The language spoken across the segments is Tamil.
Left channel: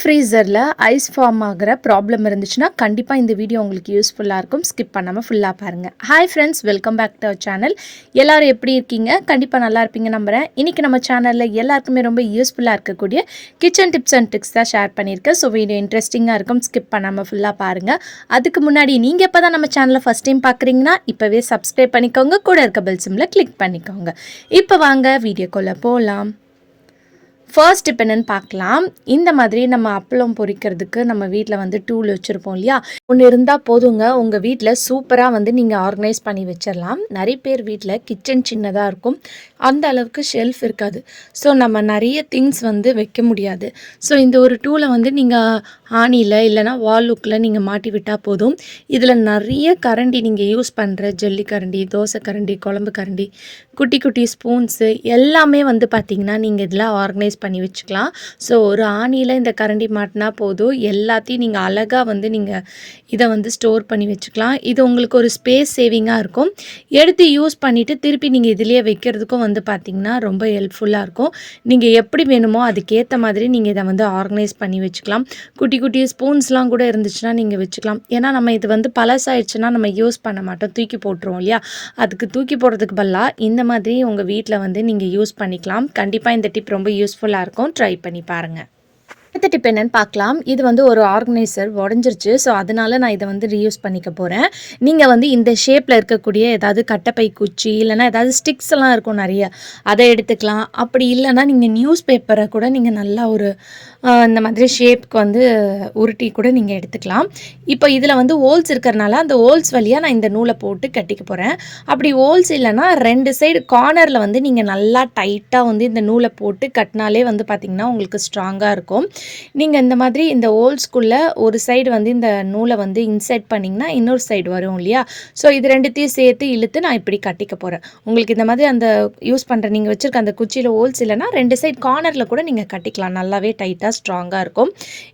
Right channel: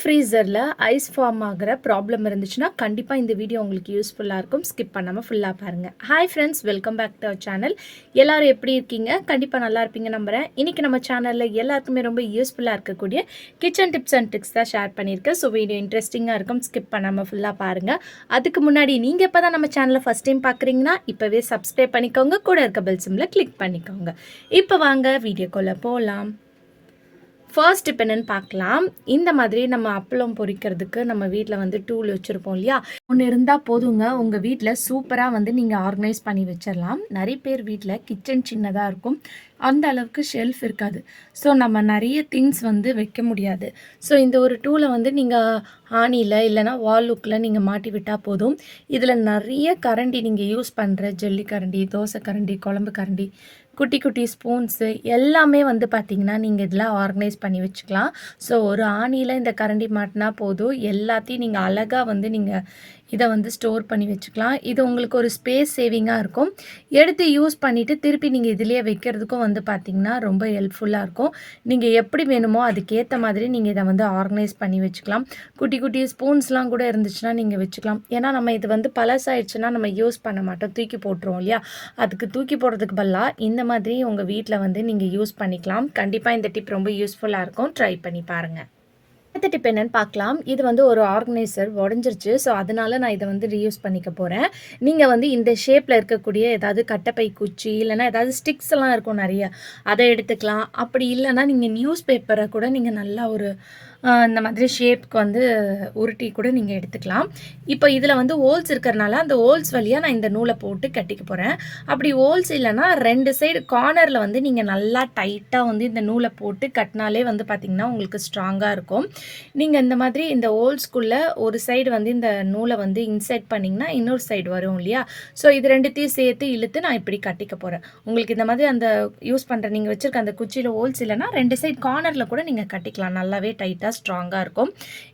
ஃப்ரீசரில் ஐஸ் ஃபார்ம் ஆகிற ப்ராப்ளம் இருந்துச்சுன்னா கண்டிப்பாக இந்த வீடியோ உங்களுக்கு யூஸ்ஃபுல்லாக இருக்கும். ஸ்கிப் பண்ணாமல் ஃபுல்லாக பாருங்கள். Hi friends, welcome back to our channel. எல்லோரும் எப்படி இருக்கீங்க? கண்டிப்பாக நல்லா இருப்பீங்க நம்புகிறேன். இன்றைக்கி நம்ம சேனலில் எல்லாருக்குமே ரொம்ப யூஸ்ஃபுல்லாக இருக்கக்கூடிய கிச்சன் டிப்ஸ் அண்ட் ட்ரிக்ஸ் தான் ஷேர் பண்ணியிருக்கேன். ஸோ வீடியோ இன்ட்ரெஸ்டிங்காக இருக்கும். ஸ்கிப் பண்ணாமல் ஃபுல்லாக பாருங்கள். அதுக்கு முன்னாடி நீங்கள் எப்போ தான் நம்ம சேனலை ஃபஸ்ட் டைம் பார்க்குறீங்கன்னா இப்போவே சப்ஸ்கிரைப் பண்ணிக்கோங்க. கூட இருக்க பெல் சிம்மில் கிளிக் பண்ணிக்கோங்க. இப்போ வாங்க வீடியோக்குள்ளே போகலாம். ஃபர்ஸ்ட் இப்போ என்னென்னு பார்க்கலாம். இந்த மாதிரி நம்ம அப்பளம் பொரிக்கிறதுக்கு நம்ம வீட்டில் டூல் வச்சுருப்போம் இல்லையா, ஒன்று இருந்தால் போதுங்க. உங்கள் வீட்டில் சூப்பராக நீங்கள் ஆர்கனைஸ் பண்ணி வச்சிடலாம். நிறைய பேர் வீட்டில் கிச்சன் சின்னதாக இருக்கும், அந்த அளவுக்கு ஷெல்ஃப் இருக்காது. ஸோ நம்ம நிறைய திங்ஸ் வைக்க முடியாது. ஸோ இந்த ஒரு டூலை நீங்கள் ஆணியில் இல்லைனா வால் லுக்கில் நீங்கள் மாட்டி விட்டால் போதும். இதில் நிறைய கரண்டி நீங்கள் யூஸ் பண்ணுற ஜல்லி கரண்டி, தோசை கரண்டி, குழம்பு கரண்டி, குட்டி குட்டி ஸ்பூன்ஸு எல்லாமே பார்த்திங்கன்னா நீங்கள் இதில் ஆர்கனைஸ் பண்ணி வச்சுக்கலாம். ஸோ ஒரு ஆணியில் இந்த கரண்டி மாட்டினா போதும், எல்லாத்தையும் நீங்கள் அழகாக நீங்கள் இதை ஸ்டோர் பண்ணி வச்சுக்கலாம். இது உங்களுக்கு ஒரு ஸ்பேஸ் சேவிங்காக இருக்கும். எடுத்து யூஸ் பண்ணிவிட்டு திருப்பி நீங்கள் இதிலேயே வைக்கிறதுக்கும் பார்த்திங்கன்னா ரொம்ப ஹெல்ப்ஃபுல்லாக இருக்கும். நீங்கள் எப்படி வேணுமோ அதுக்கேற்ற மாதிரி நீங்கள் இதை ஆர்கனைஸ் பண்ணி வச்சுக்கலாம். குட்டி குட்டி ஸ்பூன்ஸ்லாம் கூட இருந்துச்சுன்னா நீங்கள் வச்சுக்கலாம். ஏன்னா நம்ம இது பழசாயிடுச்சுன்னா நம்ம யூஸ் பண்ண மாட்டோம், தூக்கி போட்டுருவோம் இல்லையா. அதுக்கு தூக்கி போடுறதுக்கு பதிலாக இந்த மாதிரி உங்கள் வீட்டில் நீங்கள் யூஸ் பண்ணிக்கலாம். கண்டிப்பாக இந்த டிப் ரொம்ப யூஸ்ஃபுல்லாக இருக்கும். ட்ரை பண்ணி பாருங்கள். அடுத்த டிப் என்னென்னு பார்க்கலாம். இது ஒரு ஆர்கனைசர் உடஞ்சிருச்சு. ஸோ அதனால் நான் இதை ரீயூஸ் பண்ணிக்க போகிறேன். நீங்கள் இந்த ஷேப்பில் இருக்கக்கூடிய ஏதாவது கட்டைப்பை குச்சி இல்லைனா ஏதாவது ஸ்டிக்ஸ் எல்லாம் இருக்கும் நிறைய, அதை எடுத்துக்கலாம். அப்படி இல்லைனா நீங்கள் நியூஸ் பேப்பரை கூட நீங்கள் நல்லா ஒரு இந்த மாதிரி ஷேப்புக்கு உருட்டி கூட நீங்கள் எடுத்துக்கலாம். இப்போ இதில் ஹோல்ஸ் இருக்கிறனால அந்த ஹோல்ஸ் வழியாக நான் இந்த நூலை போட்டு கட்டிக்க போகிறேன். அப்படி ஹோல்ஸ் இல்லைனா ரெண்டு சைடு கார்னரில் நீங்கள் நல்லா டைட்டாக இந்த நூலை போட்டு கட்டினாலே பார்த்திங்கன்னா உங்களுக்கு ஸ்ட்ராங்காக இருக்கும். நீங்கள் இந்த மாதிரி இந்த ஹோல்ஸ்குள்ளே ஒரு சைடு இந்த நூலை இன்சர்ட் பண்ணிங்கன்னா இன்னொரு சைடு வரும் இல்லையா. ஸோ இது ரெண்டுத்தையும் சேர்த்து இழுத்து நான் இப்படி கட்டிக்க போகிறேன். உங்களுக்கு இந்த மாதிரி அந்த யூஸ் பண்ணுற நீங்கள் வச்சுருக்க அந்த குச்சியில் ஹோல்ஸ் இல்லைனா ரெண்டு சைடு கார்னரில் கூட நீங்கள் கட்டிக்கலாம். நல்லாவே டைட்டாக ஸ்ட்ராங்காக இருக்கும்.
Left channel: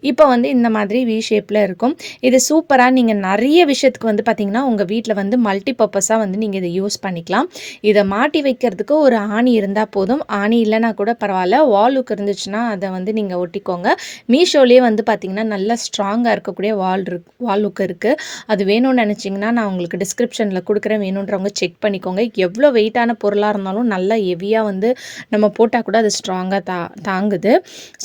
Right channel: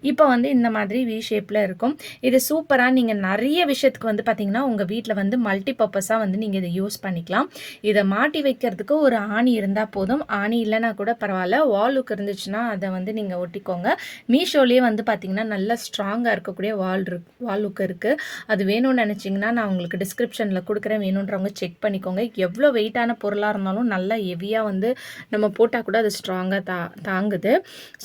இப்போ இந்த மாதிரி வி ஷேப்பில் இருக்கும். இது சூப்பராக நீங்கள் நிறைய விஷயத்துக்கு பார்த்தீங்கன்னா உங்கள் வீட்டில் மல்டி பர்பஸாக நீங்கள் இதை யூஸ் பண்ணிக்கலாம். இதை மாட்டி வைக்கிறதுக்கு ஒரு ஆணி இருந்தால் போதும். ஆணி இல்லைனா கூட பரவாயில்ல, வாலுக்கு இருந்துச்சுன்னா அதை நீங்கள் ஒட்டிக்கோங்க. மீஷோலேயே பார்த்தீங்கன்னா நல்ல ஸ்ட்ராங்காக இருக்கக்கூடிய வால் லுக் இருக்குது. அது வேணும்னு நினச்சிங்கன்னா நான் உங்களுக்கு டிஸ்கிரிப்ஷனில் கொடுக்குறேன், வேணுன்றவங்க செக் பண்ணிக்கோங்க. எவ்வளோ வெயிட்டான பொருளாக இருந்தாலும் நல்லா ஹெவியாக நம்ம போட்டால் கூட அது ஸ்ட்ராங்காக தாங்குது.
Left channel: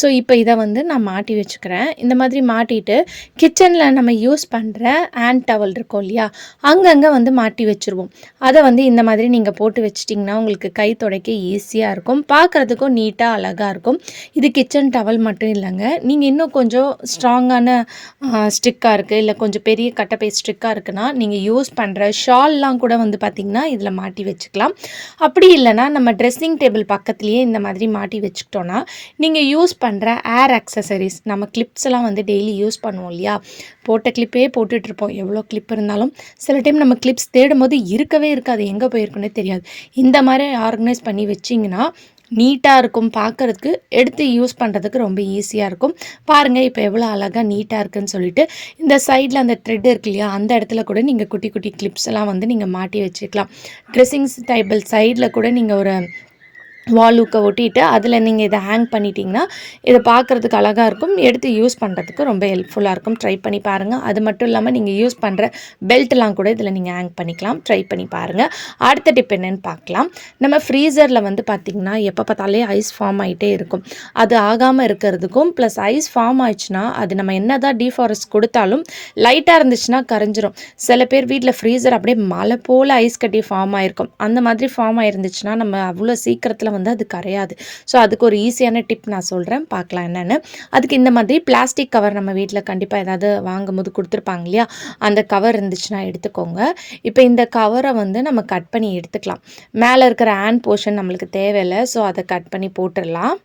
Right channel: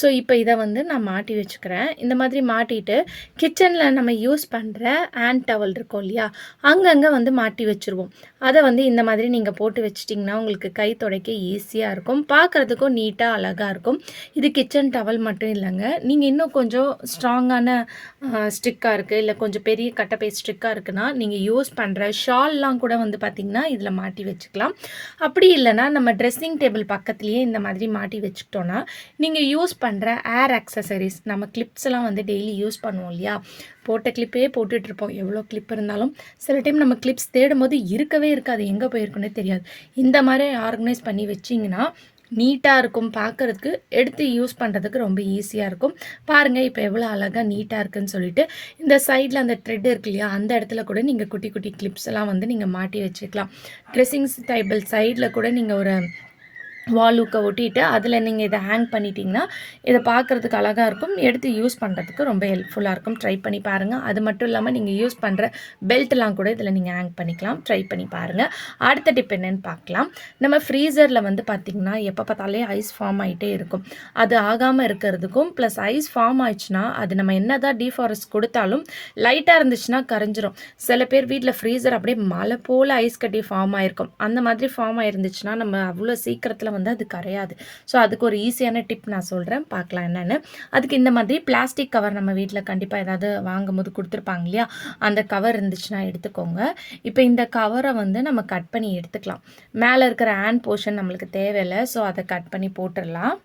ஸோ இப்போ இதை நான் மாட்டி வச்சுக்கிறேன். இந்த மாதிரி மாட்டிட்டு கிச்சனில் நம்ம யூஸ் பண்ணுற ஹேண்ட் டவல் இருக்கும் இல்லையா, அங்கங்கே மாட்டி வச்சுருவோம். அதை இந்த மாதிரி நீங்கள் போட்டு வச்சிட்டிங்கன்னா உங்களுக்கு கை துடைக்க ஈஸியாக இருக்கும், பார்க்குறதுக்கும் நீட்டாக அழகாக இருக்கும். இது கிச்சன் டவல் மட்டும் இல்லைங்க, நீங்கள் இன்னும் கொஞ்சம் ஸ்ட்ராங்கான ஸ்டிக்காக இருக்குது இல்லை கொஞ்சம் பெரிய கட்டைப்பை ஸ்டிக்காக இருக்குன்னா நீங்கள் யூஸ் பண்ணுற ஷால்லாம் கூட பார்த்திங்கன்னா இதில் மாட்டி வச்சுக்கலாம். அப்படி இல்லைனா நம்ம ட்ரெஸ்ஸிங் டேபிள் பக்கத்துலேயே இந்த மாதிரி மாட்டி வச்சுக்கிட்டோன்னா நீங்கள் யூஸ் பண்ணுற ஏர் அக்சசரிஸ், நம்ம கிளிப்ஸ் எல்லாம் டெய்லி யூஸ் பண்ணுவோம் இல்லையா, போட்ட கிளிப்பே போட்டுட்ருப்போம். எவ்வளோ கிளிப் இருந்தாலும் சில டைம் நம்ம கிளிப்ஸ் தேடும்போது இருக்கவே இருக்காது, எங்கே போயிருக்குன்னே தெரியாது. இந்த மாதிரி ஆர்கனைஸ் பண்ணி வச்சிங்கன்னா நீட்டாக இருக்கும், பார்க்குறதுக்கு எடுத்து யூஸ் பண்ணுறதுக்கு ரொம்ப ஈஸியாக இருக்கும். பாருங்கள் இப்போ எவ்வளோ அழகாக நீட்டாக இருக்குதுன்னு சொல்லிட்டு. இந்த சைடில் அந்த த்ரெட் இருக்கு இல்லையா, அந்த இடத்துல கூட நீங்கள் குட்டி குட்டி கிளிப்ஸ் எல்லாம் நீங்கள் மாட்டி வச்சுக்கலாம். ட்ரெஸ்ஸிங்ஸ் டேபிள் சைடில் கூட நீங்கள் ஒரு வாலுக்கை ஒட்டிட்டு அதில் நீங்கள் இதை ஹேங் பண்ணிட்டீங்கன்னா இதை பார்க்குறதுக்கு அழகாக இருக்கும், எடுத்து யூஸ் பண்ணுறதுக்கு ரொம்ப ஹெல்ப்ஃபுல்லாக இருக்கும். ட்ரை பண்ணி பாருங்கள். அது மட்டும் இல்லாமல் நீங்கள் யூஸ் பண்ணுற பெல்ட்லாம் கூட இதில் நீங்கள் ஹேங் பண்ணிக்கலாம். ட்ரை பண்ணி பாருங்கள். அடுத்த டிப் என்னென்னு பார்க்கலாம். நம்ம ஃப்ரீசரில் பார்த்திங்கன்னா எப்போ பார்த்தாலே ஐஸ் ஃபார்ம் ஆகிட்டே இருக்கும். அது ஆகாமல் இருக்கிறதுக்கும் ப்ளஸ் ஐஸ் ஃபார்ம் ஆயிடுச்சுன்னா அது நம்ம என்ன தான் டீஃபாரஸ்ட் கொடுத்தாலும் லைட்டாக இருந்துச்சுன்னா கரைஞ்சிரும். சில பேர் வீட்டில் ஃப்ரீசர் அப்படியே மழை போல் ஐஸ் கட்டி ஃபார்ம் ஆகிருக்கும். அந்த மாதிரி ஃபார்ம் ஆயிருந்துச்சுன்னா நம்ம அவ்வளோ சீக்கிரத்தில் அது கரையாது. ஸோ அதுக்கு ஒரு ஈஸியான டிப் நான் சொல்கிறேன், பார்க்கலாம் என்னென்னு. அதுக்கு இந்த மாதிரி பிளாஸ்டிக் கவர் நம்ம வீட்டில் கண்டிப்பாக ஏதாவது வாங்கும் போது கொடுத்துருப்பாங்க இல்லையா, அந்த கவர் இருந்துச்சுன்னா எடுத்துக்கோங்க. இப்போ இந்த கவரை நம்ம கட் பண்ணி எடுத்துக்கலாம். மேலே இருக்கிற ஹேண்ட் போர்ஷன் நம்மளுக்கு தேவையில்லை, ஸோ அதை கட் பண்ணி போட்டுடலாம்.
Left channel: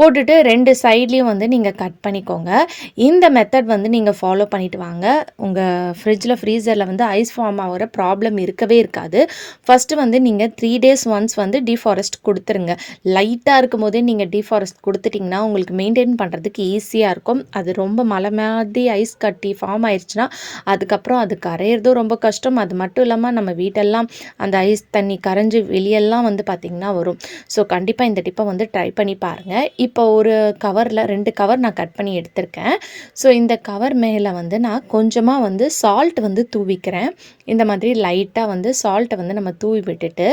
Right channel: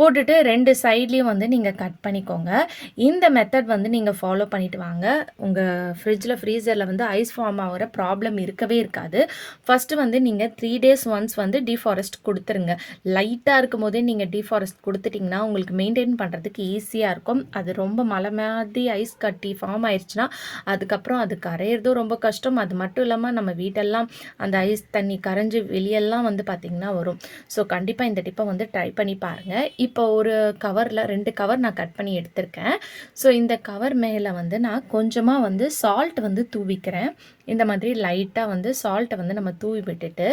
போட்டுட்டு ரெண்டு சைட்லேயும் நீங்கள் கட் பண்ணிக்கோங்க. இந்த மெத்தட் நீங்கள் ஃபாலோ பண்ணிவிட்டு வாங்க. உங்கள் ஃப்ரிட்ஜில் ஃப்ரீசரில் ஐஸ் ஃபார்ம் ஆகிற ப்ராப்ளம் இருக்கவே இருக்காது. ஃபஸ்ட்டு நீங்கள் 3 days ஒன்ஸ் டீஃபாரஸ்ட் கொடுத்துருங்க. லைட்டாக இருக்கும் போதே நீங்கள் டீஃபாரஸ்ட் கொடுத்துட்டிங்கன்னா உங்களுக்கு மெயின்டைன் பண்ணுறதுக்கு ஈஸியாக இருக்கும். அது ரொம்ப மழை மாதிரி ஐஸ் கட்டி ஃபார்ம் ஆயிடுச்சுன்னா அதுக்கப்புறம் அது கரையிறதும் ரொம்ப கஷ்டம். அது மட்டும் இல்லாமல் நம்ம வீட்டெல்லாம் அந்த ஐஸ் தண்ணி கரைஞ்சி வெளியெல்லாம் பார்த்திங்கன்னா வரும். ஸோ கண்டிப்பாக இந்த டிப்பை ட்ரை பண்ணி பாருங்கள். இப்போ ஒரு கவரில் 2 கவர் நான் கட் பண்ணி எடுத்திருக்கேன். ஸோ இந்த கவர் மேலே வந்து நான் கொஞ்சமாக வந்து சால்ட் வந்து தூவிக்கிறேன். இந்த மாதிரி லைட்டாக வந்து சால்ட்டை வந்து நம்ம தூவி விட்டுட்டு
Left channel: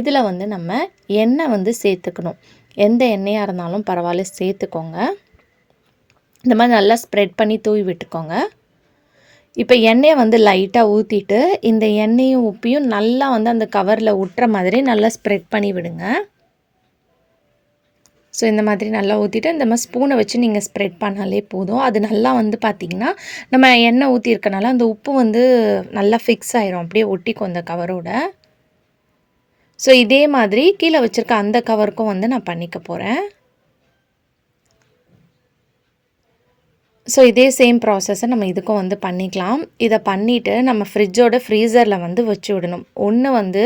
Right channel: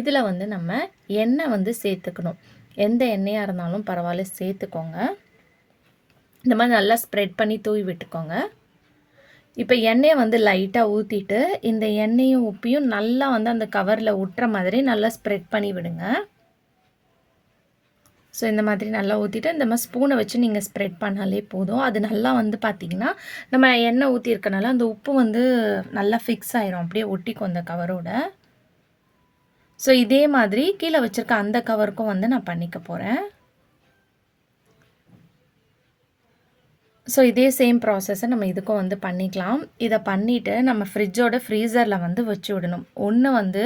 இதில் வந்து நம்ம எண்ணெய் வந்து சேர்த்துக்கணும். எந்த எண்ணெயாக இருந்தாலும் பரவாயில்ல சேர்த்துக்கோங்க. இந்த மாதிரி நல்லா ஸ்ப்ரெட் பண்ணி தூவி விட்டுக்கோங்க. இப்போ எண்ணெயை வந்து லைட்டாக ஊற்றிட்டு இந்த எண்ணெயும் உப்பையும் நல்லா வந்து அந்த கவரில் ஒட்டுற மாதிரி நல்லா ஸ்ப்ரெட் பண்ணி விடுங்க. ஸோ இந்த மாதிரி நல்லா ஊற்றிட்டு இந்த மாதிரி ஸ்பூனை வச்சு நீங்கள் ஸ்ப்ரெட் பண்ணாலே போதும். அது நல்லா வந்து பார்த்திங்கன்னா நம்ம எண்ணெய் ஊற்றிருக்கனால அந்த உப்பு வந்து நல்லா ஃபிக்ஸ் ஆயிரும், அப்படியே ஒட்டிக்கும் அந்த கவரோட. ஸோ இதே மாதிரி கீழே வச்சுருக்க அந்த கவருக்கும் வந்து நான் பண்ணிக்க போகிறேன். ஸோ இதே சேம் ப்ராசஸை நம்ம இதுக்கும் வந்து பண்ணிக்கலாம். இதை பண்ணிவிட்டு நம்ம ஃப்ரீசரில் வந்து வச்சு விடணும். ஒன்று வந்து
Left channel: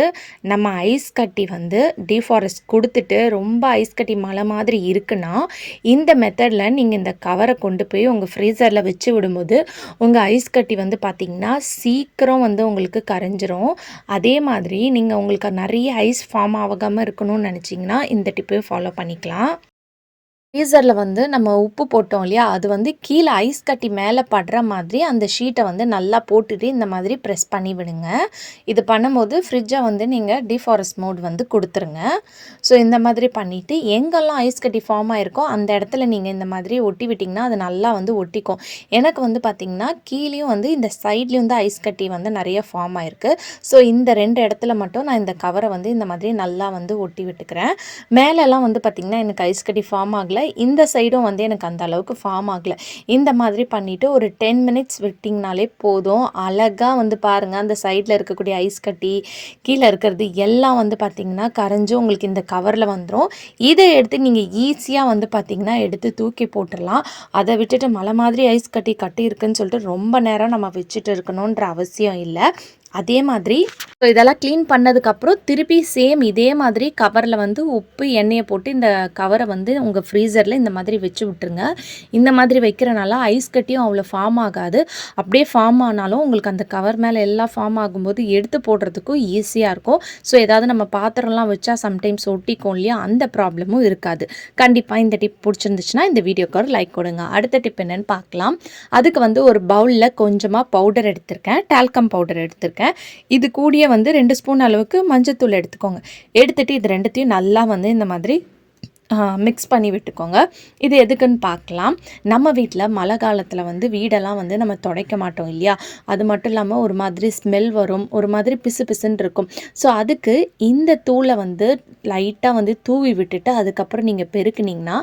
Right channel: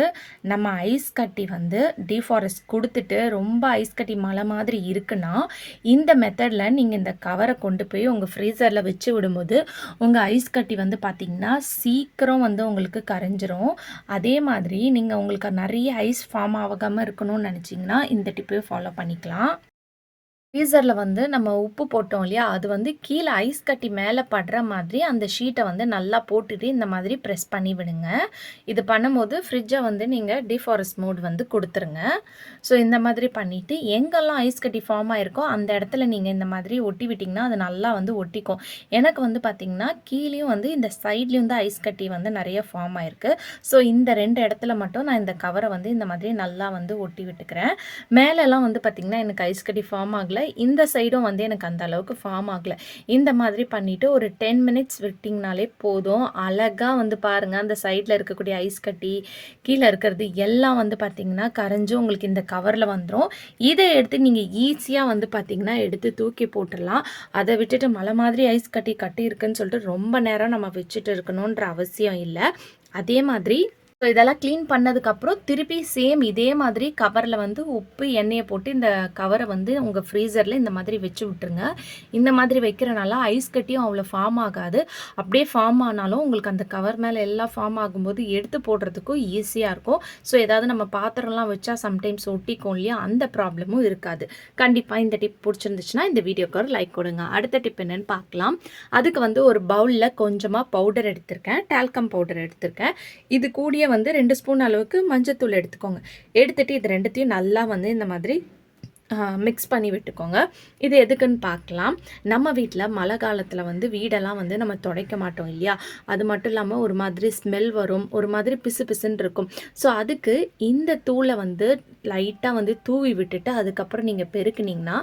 நம்ம ஐஸ் கட்டி வந்து டீஃபாரஸ்ட் கொடுத்துட்டு ரொம்ப ஐஸ் கட்டி மழை மாதிரி இருக்குன்னா இந்த மெத்தடில் நீங்கள் இந்த கவரை கொண்டு போய் உங்கள் ஃப்ரீசரில் வச்சு விடும்போது உங்கள் ஐஸ் கட்டி வந்து பார்த்திங்கன்னா சீக்கிரம் வந்து உங்களுக்கு கரைஞ்சிரும். அதே மாதிரி நீங்கள் உங்களுக்கு நிறைய ஐஸ் ஃபார்ம் ஆகாமல் இருக்கணும்னு நினச்சிங்கன்னா இந்த டிப்பையும் ஃபாலோ பண்ணிக்கலாம். ஃப்ரீசரில் வந்து நம்ம உப்பு போட்டோம் இல்லையா, அது வந்து கீழே ஐஸ் கட்டி மேலே படுற மாதிரி அந்த ஷீட்டை வந்து நல்லா போட்டுட்டு இந்த மாதிரி ப்ரெஸ் பண்ணி விடுங்க. இது பண்ணும்போது ஃப்ரிட்ஜை வந்து நீங்கள் டிஃபாரஸ்ட் மோட் வந்து கொடுத்துருங்க. ஸோ இந்த மாதிரி பண்ணிவிட்டு எங்கெல்லாம் ஐஸ் கட்டி ஃபார்ம் ஆகிருக்கோ அந்த இடத்துல நீங்கள் இந்த மாதிரி ஒட்டி விட்டிங்கன்னா அது நல்லா வந்து ஒட்டிக்கும். எனக்கு வந்து பார்த்திங்கன்னா கீழேயும் வந்து இந்த சைட்லேயும் வந்து ஐஸ் கட்டி வந்து நிறைய ஃபார்ம் ஆகிருக்கு. ஸோ இந்த 2 இடத்துல மட்டும் நான் இந்த கவரை வந்து இந்த மாதிரி நல்லா வந்து ஒட்டி விட்டுக்கிறேன். மேலெல்லாம் வந்து பார்த்திங்கன்னா எனக்கு ஐஸ் கட்டி ஃபார்ம் ஆகலை, இந்த சைடும் வந்து எனக்கு அந்த அளவுக்கு ஃபார்ம் ஆகலை. இந்த மாதிரி பண்ணிவிட்டு ஒரு 10 மினிட்ஸ் விட்டிங்கனாலே போதும். அழகாக வந்து பாருங்கள், அந்த சைடில் இருக்கக்கூடிய ஐஸ் கட்டி கீழே இருக்கிறது எல்லாம் வந்து பார்த்திங்கன்னா கரைஞ்சி உங்களுக்கு இந்த கவரில் வந்துடும். இதை எடுத்து நீங்கள் ஈஸியாக வந்து பார்த்திங்கன்னா எடுத்து தூக்கி போட்டுடலாம். அதை விட்டுட்டு மலை மாதிரி ஐஸ் கட்டி இருக்குன்னு சொல்லிட்டு ரொம்ப நேரம் நம்ம வச்சுட்டு இருக்கணுன்ற அவசியம் இல்லை. அதே மாதிரி ஸோ இதெல்லாம் க்ளீன் பண்ணதுக்கப்புறம் திருப்பி சேம் இதே மாதிரி கவரில் வந்து உப்பு எண்ணெயை போட்டு இந்த கவரை வந்து உங்கள் ஃப்ரீசரில் இந்த மாதிரி வச்சு விட்டுருங்க. இந்த மாதிரி வைக்கிறனால ஐஸ் கட்டியும் அவ்வளோ ஃபார்ம் ஆகாது. அப்படியே ஃபார்ம் ஆனாலும் உங்களுக்கு அந்த கவர் மேலே எல்லாம் ஃபார்ம் ஆகும்போது எடுத்து போடுறதுக்கும் ஈஸியாக இருக்கும். ஸோ ஏதாவது நம்ம பாத்திரம்லாம் வச்சா சம்டைம்ஸ் ஒட்டிக்கும் இல்லையா, அந்த ப்ராப்ளமும் இருக்காது. கண்டிப்பாக இந்த டிப் பிடிச்சிருந்துச்சுன்னா இந்த வீடியோக்கு ஒரு லைக் கொடுங்க. அடுத்த டிப் என்னென்னு பார்க்கலாம். அதுக்கு வந்து ஒரு பவுலில் கொஞ்சமாக பவுடர் எடுத்திருக்கேன், டால்கம் பவுடர் எடுத்திருக்கேன். இது கூடிய வந்து 2 ஸ்பூன் அளவுக்கு மஞ்சத்தூள் எடுத்துக்கோங்க. எடுத்துட்டு இது ரெண்டுத்தையும் நல்லா வந்து இந்த மாதிரி மிக்ஸ் பண்ணி விட்டுக்கோங்க. இது எதுக்குன்னு பார்க்கலாம். நம்ம வீட்டில் மழை காலத்தில் வந்து வீடெல்லாம் வந்து நம்ம துடைக்க மாட்டோம் இல்லையா, அது மட்டும் இல்லாமல் ஒரு மாதிரி ஸ்மெல் வரும், ஒரு மாதிரி பிசு பிசுன்னு இருக்கும். ஸோ அதுக்கு இந்த தூளை வந்து லைட்டாக வந்து தூவி விட்டுட்டு அதுக்கப்புறம் நீங்கள் பெருக்குனிங்கன்னா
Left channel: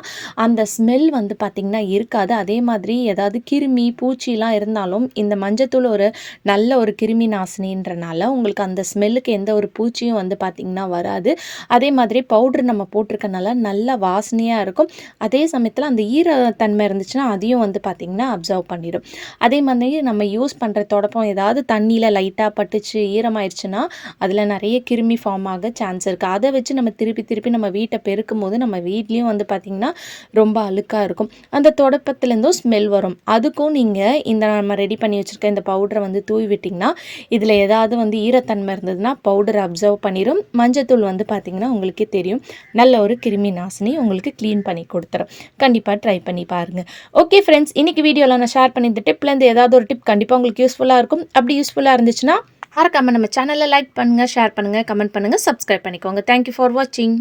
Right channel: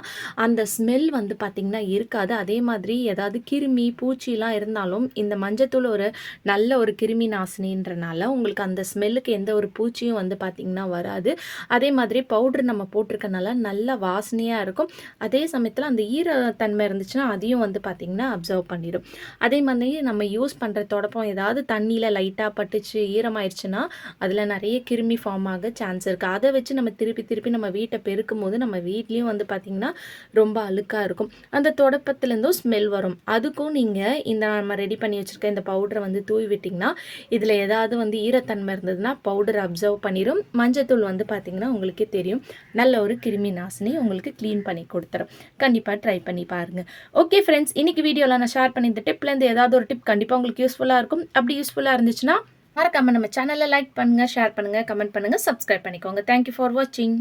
அந்த ஸ்மெல் வந்து பார்த்திங்கன்னா இருக்காது. அதே மாதிரி ஏதாவது கிருமி பூச்சிலாம் இருந்தாலும் இந்த மஞ்சத்தூள் ஒரு நல்ல ஒரு கிருமி நாசினின்றனால உங்களுக்கு அந்த ஸ்மெல்லுக்கு எந்த ஒரு பூச்சியும் வந்து பார்த்திங்கன்னா வராது. அதே மாதிரி பவுட்ரு நம்ம போட்டிருக்கனால நல்லா வாசனையாக இருக்கும். அதே சமயத்தில் அந்த ஈரத்தன்மை இருந்துச்சுன்னா அதையும் வந்து பார்த்திங்கன்னா அப்சர்வ் பண்ணிடும். அதே மாதிரி நம்ம யூஸ் பண்ணுற தொடப்பம் ஏதாவது தண்ணியில் லைட்டாக பட்டுச்சு ஈரமாயிடுச்சுன்னா அதில் நிறைய கிருமி ஃபார்ம் ஆக சான்ஸ் இருக்குது. அதை வச்சு நம்ம திருப்பி நம்ம வீட்டை பெருக்கும் போது நம்ம வீட்லேயும் வந்து பார்த்திங்கன்னா ரொம்ப அழுக்காக இருக்கும். அந்த தொடப்பத்துலேருந்தும் ஸ்மெல் வரும். அதுக்கும் நீங்கள் இந்த நம்ம ரெடி பண்ணி வச்சுருக்க இந்த பவுடரை வந்து தூவி விட்டிங்கன்னா இதில் ஏதாவது வந்து ஈரத்தன்மை இருந்ததுன்னா பவுடர் அப்சர்வ் பண்ணிடும். மஞ்சத்தூள் வந்து பார்த்திங்கன்னா உங்களுக்கே தெரியும் நல்ல ஒரு கிருமி நாசினி உங்களுக்கு க்ளீன் பண்ணி கொடுத்துரும். கண்டிப்பாக ட்ரை பண்ணி பாருங்கள். ஓகே ஃப்ரெண்ட்ஸ், இன்றைக்கி வீடியோவில் நான் ஷேர் பண்ணி இந்த டிப்லேருந்து ஏதாவது ஒரு டிப் கண்டிப்பாக உங்களுக்கு யூஸ்ஃபுல்லாக இருக்கும். அப்படி யூஸ்ஃபுல்லாக இருந்துச்சுன்னா மறக்காமல் நம்ம சேனலை லைக் பண்ணுங்கள், ஷேர் பண்ணுங்கள், கமெண்ட் பண்ணுங்கள், சப்ஸ்கிரைப் பண்ணிக்கோங்க. தேங்க்யூ ஃபார் வாட்சிங்.